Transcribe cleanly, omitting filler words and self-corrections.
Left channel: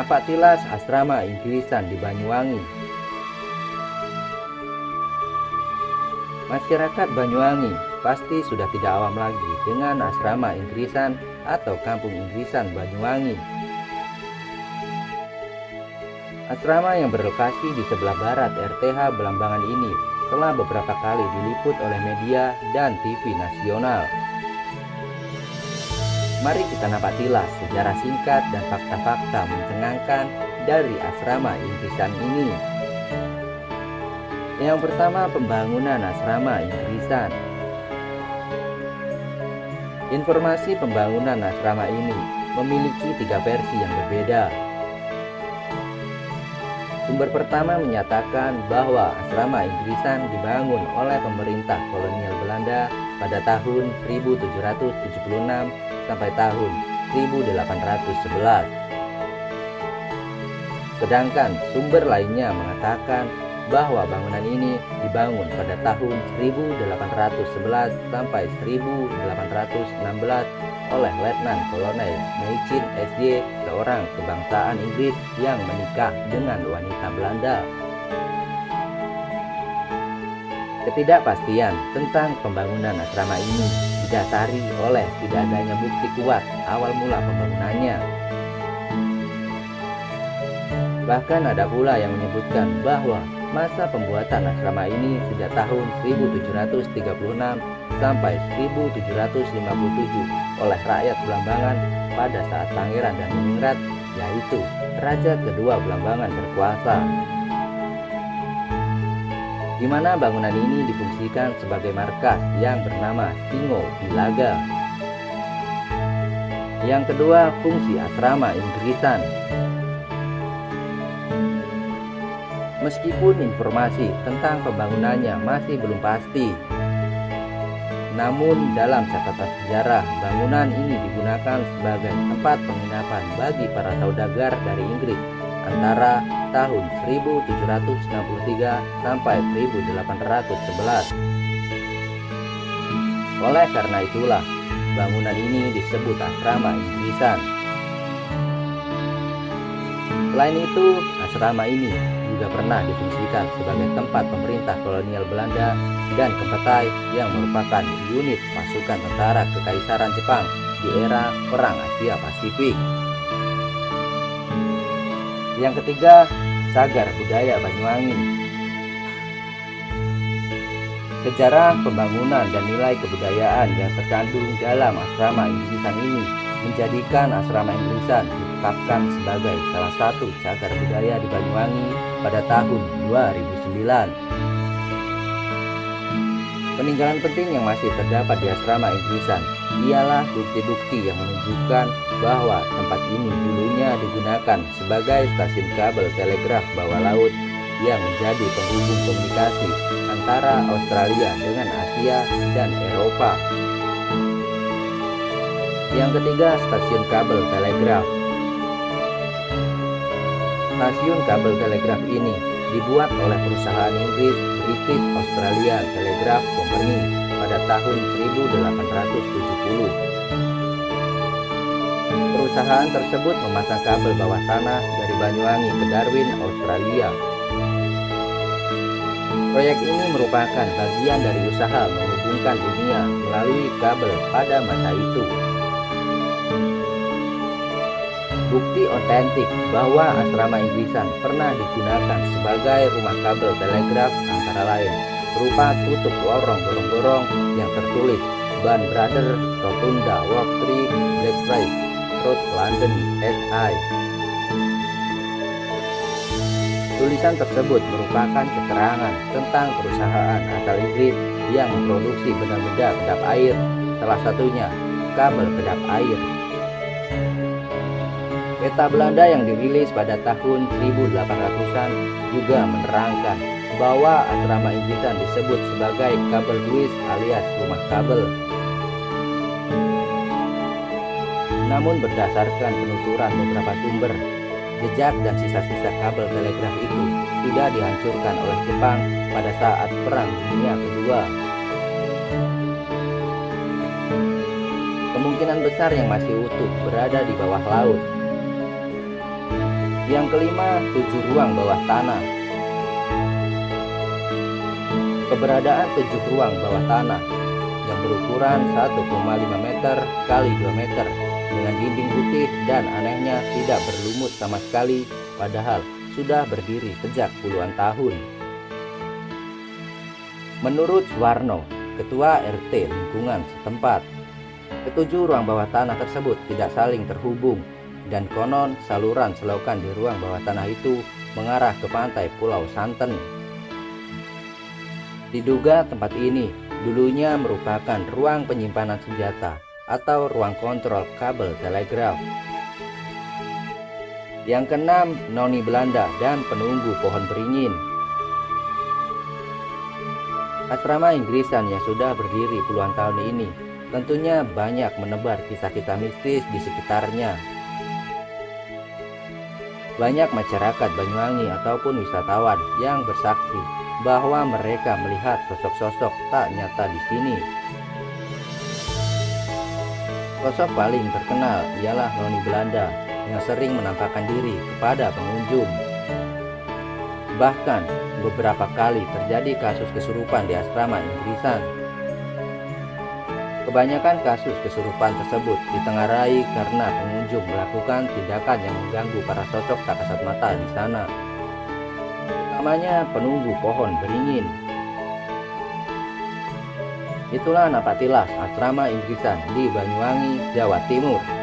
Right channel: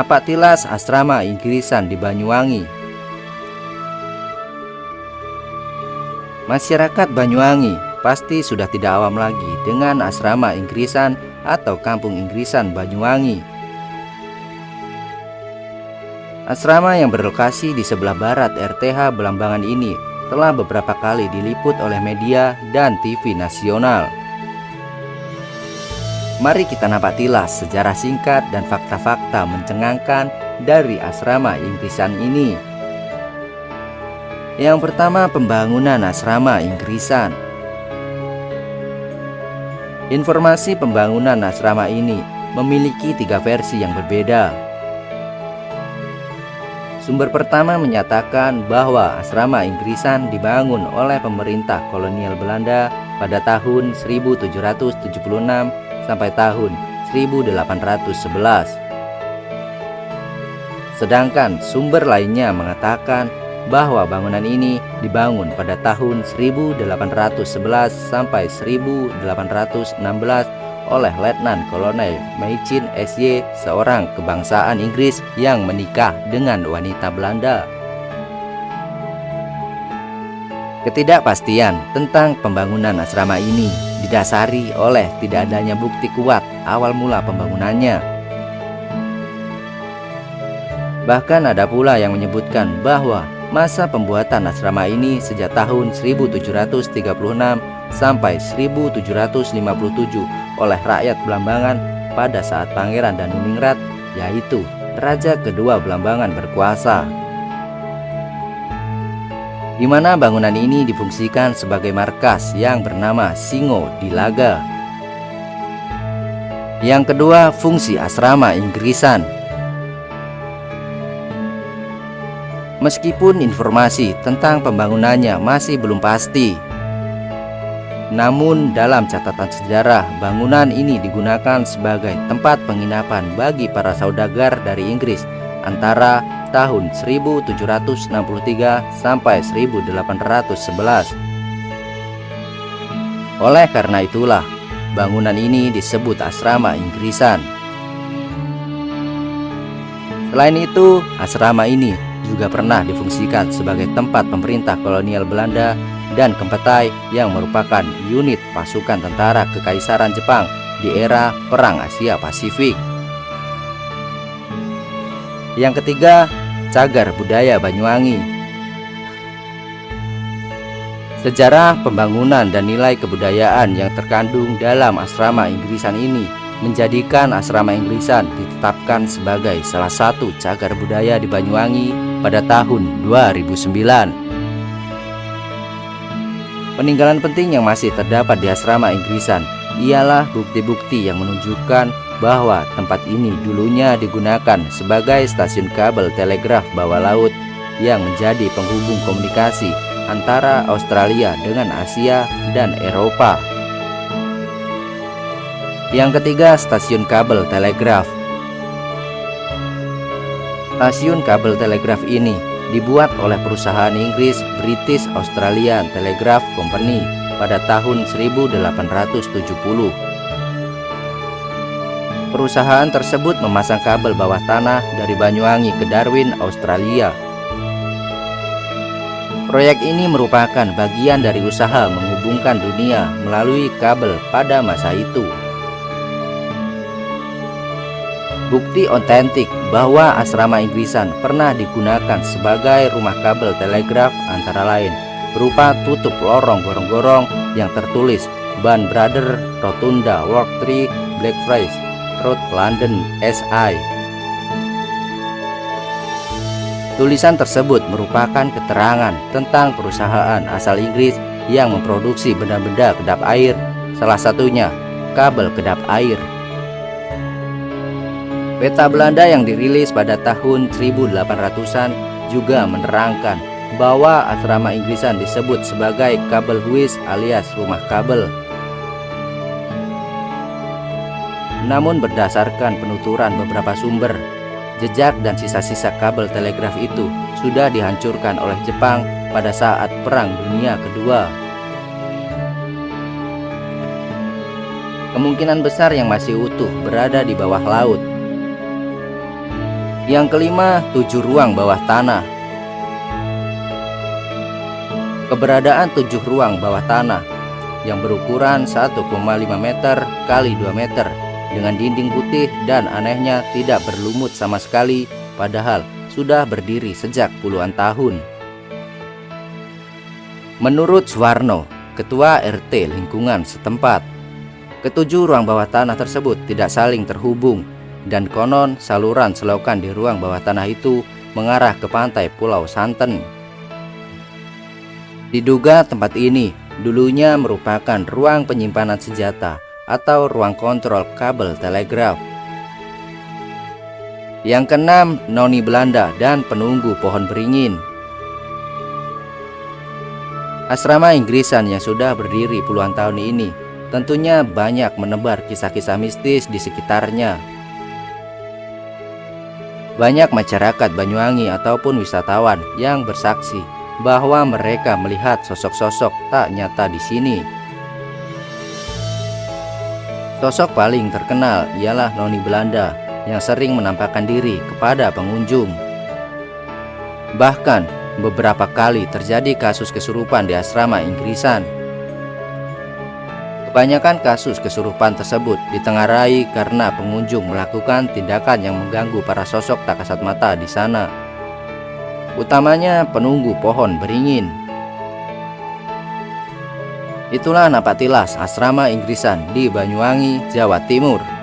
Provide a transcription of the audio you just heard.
Napak tilas asrama Inggrisan di Banyuwangi. Masyarakat Banyuwangi pasti sudah tidak awam lagi dengan asrama Inggrisan atau kampung Inggrisan Banyuwangi. Asrama yang berlokasi di sebelah barat RTH Belambangan ini telah beberapa kali diliput oleh media dan TV nasional. Mari kita napak tilas sejarah singkat dan fakta-fakta mencengangkan dari asrama Inggrisan ini. Yang pertama, pembangunan asrama Inggrisan. Informasi pembangunan asrama ini memiliki 3 versi yang berbeda. Sumber pertama menyatakan bahwa asrama Inggrisan dibangun oleh pemerintah kolonial Belanda pada tahun 1776 sampai tahun 1811. Sedangkan sumber lainnya mengatakan bahwa bangunan ini dibangun pada tahun 1811 sampai 1816 oleh Letnan Kolonel Meichin SY, seorang kebangsaan Inggris yang menikah dengan wanita Belanda. Ketidakpastian tentang pembangunan asrama ini didasari oleh tidak adanya bukti kuat awal mula pembangunannya. Bahkan ada pula yang menyebutkan bahwa masa pembuatan asrama ini sejak tahun 1736 sampai 1757 oleh rakyat Belambangan pada saat Pangeran Danuningrat, yaitu Raja kedua Belambangan berkuasa, di mana bangunan ini difungsikan sebagai markas yang bernama Singo di Laga. Yang kedua, fungsi asrama Inggrisan. Meskipun informasi tentang pembangunannya masih belum pasti, namun dalam catatan sejarah bangunan ini digunakan sebagai tempat penginapan bagi para saudagar dari Inggris antara tahun 1763 sampai 1811. Oleh karena itulah bangunan ini disebut asrama Inggrisan. Selain itu, asrama ini juga pernah difungsikan sebagai tempat pemerintah kolonial Belanda dan Kempetai yang merupakan unit pasukan tentara Kekaisaran Jepang di era Perang Asia Pasifik. Yang ketiga, cagar budaya Banyuwangi. Sejarah pembangunan dan nilai kebudayaan yang terkandung dalam asrama Inggrisan ini menjadikan asrama Inggrisan ditetapkan sebagai salah satu cagar budaya di Banyuwangi pada tahun 2009. Peninggalan penting yang masih terdapat di asrama Inggrisan ialah bukti-bukti yang menunjukkan bahwa tempat ini dulunya digunakan sebagai stasiun kabel telegraf bawah laut yang menjadi penghubung komunikasi antara Australia dengan Asia dan Eropa. Yang ketiga, stasiun kabel telegraf. Stasiun kabel telegraf ini dibuat oleh perusahaan Inggris British Australian Telegraph Company pada tahun 1870. Perusahaan tersebut memasang kabel bawah tanah dari Banyuwangi ke Darwin, Australia. Proyek ini merupakan bagian dari usaha menghubungkan dunia melalui kabel pada masa itu. Bukti otentik bahwa asrama Inggrisan pernah digunakan sebagai rumah kabel telegraf antara lain berupa tutup lorong gorong-gorong yang tertulis Band Brother Rotunda Walk 3 Blackfriars Road London SI. Tulisan tersebut merupakan keterangan tentang perusahaan asal Inggris yang memproduksi benda-benda kedap air, salah satunya kabel kedap air. Peta Belanda yang dirilis pada tahun 1800-an juga menerangkan bahwa asrama Inggrisan disebut sebagai kabel Huis alias rumah kabel. Namun berdasarkan penuturan beberapa sumber, jejak dan sisa-sisa kabel telegraf itu sudah dihancurkan oleh Jepang pada saat Perang Dunia Kedua. Kemungkinan besar yang masih utuh berada di bawah laut. Yang kelima, 7 ruang bawah tanah. Keberadaan 7 ruang bawah tanah yang berukuran 1,5 meter kali 2 meter dengan dinding putih dan anehnya tidak berlumut sama sekali, padahal sudah berdiri sejak puluhan tahun. Menurut Suwarno, Ketua RT lingkungan setempat, ketujuh ruang bawah tanah tersebut tidak saling terhubung dan konon saluran selokan di ruang bawah tanah itu mengarah ke pantai Pulau Santen. Diduga tempat ini dulunya merupakan ruang penyimpanan senjata atau ruang kontrol kabel telegraf. Yang keenam, noni Belanda dan penunggu pohon beringin. Asrama Inggrisan yang sudah berdiri puluhan tahun ini tentunya banyak menebar kisah-kisah mistis di sekitarnya. Banyak masyarakat Banyuwangi ataupun wisatawan yang bersaksi bahwa mereka melihat sosok-sosok tak nyata di sini. Sosok paling terkenal ialah noni Belanda yang sering menampakkan diri kepada pengunjung. Bahkan beberapa kali terjadi kasus kesurupan di asrama Inggrisan. Kebanyakan kasus kesurupan tersebut ditengarai karena pengunjung melakukan tindakan yang mengganggu para sosok tak kasat mata di sana, utamanya penunggu pohon beringin. Itulah napatilas asrama Inggrisan di Banyuwangi, Jawa Timur.